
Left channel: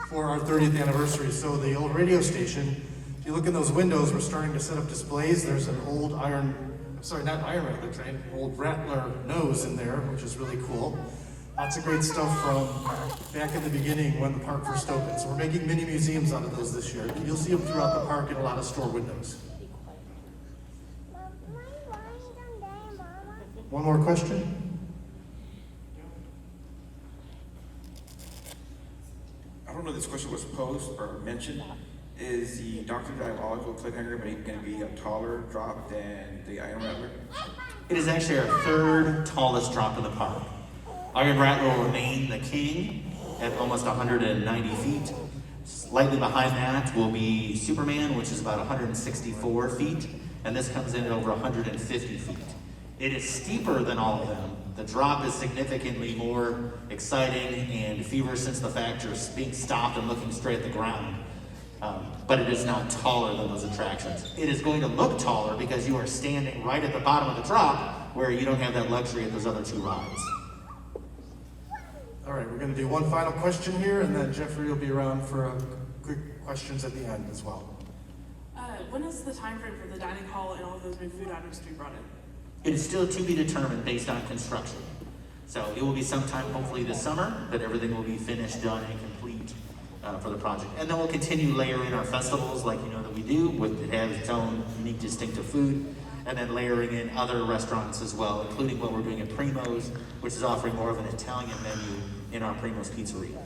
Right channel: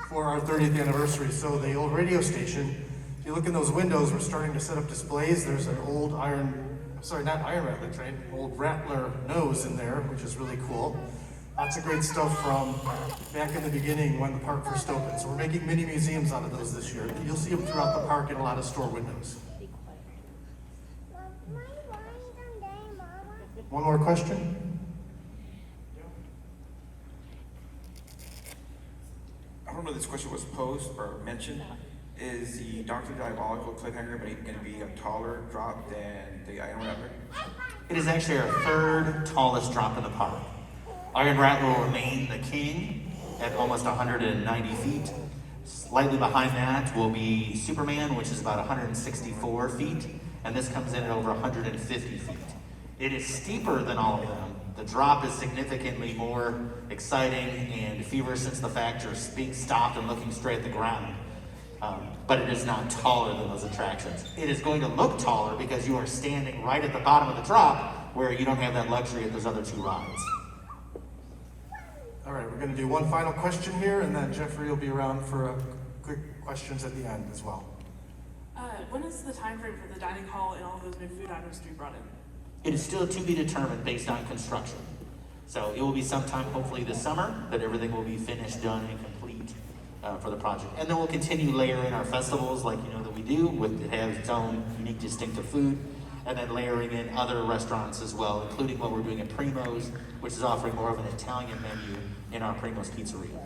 for our 30th anniversary. So the old radio station, if you look in those windows, we're starting to set up displays. There's an old Rattler train, old Rattler nose in there, which is really cool. Lots of great stuff from back in the beginning when the park first opened. So we're making mini museums out of those this year. You'll see them throughout the park in a lot of store windows. One more question? I don't know if this question was posed or mentioned. Is the Dr. Diabolical Cliffhanger going to be a taller drop than the Iron Rattler? It is actually our third tallest drop in the park. Iron Rattler will remain the king at almost 190 feet. Slightly behind that will be Superman, which is about 164 feet, and this comes in at over 150 feet. It is steeper than all of them. The drop is significantly more exciting, and if you were since the fact you're being stopped and looking straight at the ground, but it is not taller than those attractions. It is going to look taller because you are standing right at the bottom of the drop where you don't have that luxury of those other two rides. All right, we're going to do one final question here, and then Jeffrey will be around for quick questions at the end as well. When is the time frame for the dining hall and all those new food items to be brought in? It is still to be determined based on construction. So it will be sometime hopefully this summer, but everything will be finished, done, and complete for the project. And then we'll continue layering our festivals like you know that we do, with it has its own unique distinctive food, and then layering in other restaurants as well, including what we're doing at Primo's, which is offering more of an Italian menu in our Primo's Pizzeria.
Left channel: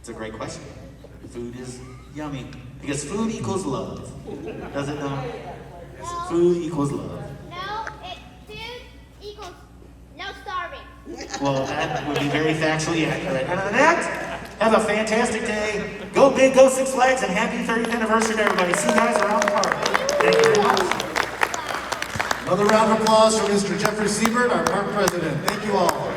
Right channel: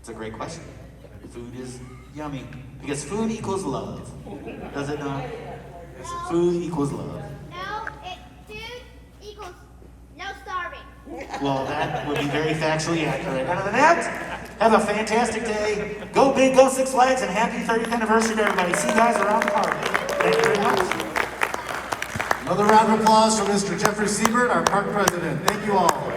It's a great question. Food is yummy, because food equals love. Does it not? Food equals love. Food equals no starving. Well, that would be very factually accurate. And on that, have a fantastic day. Go big, go Six Flags, and happy 30th anniversary to everybody. See you guys around the park. Thank you very much. Another round of applause for Mr. Jeffrey Siebert, our park president. Thank you all.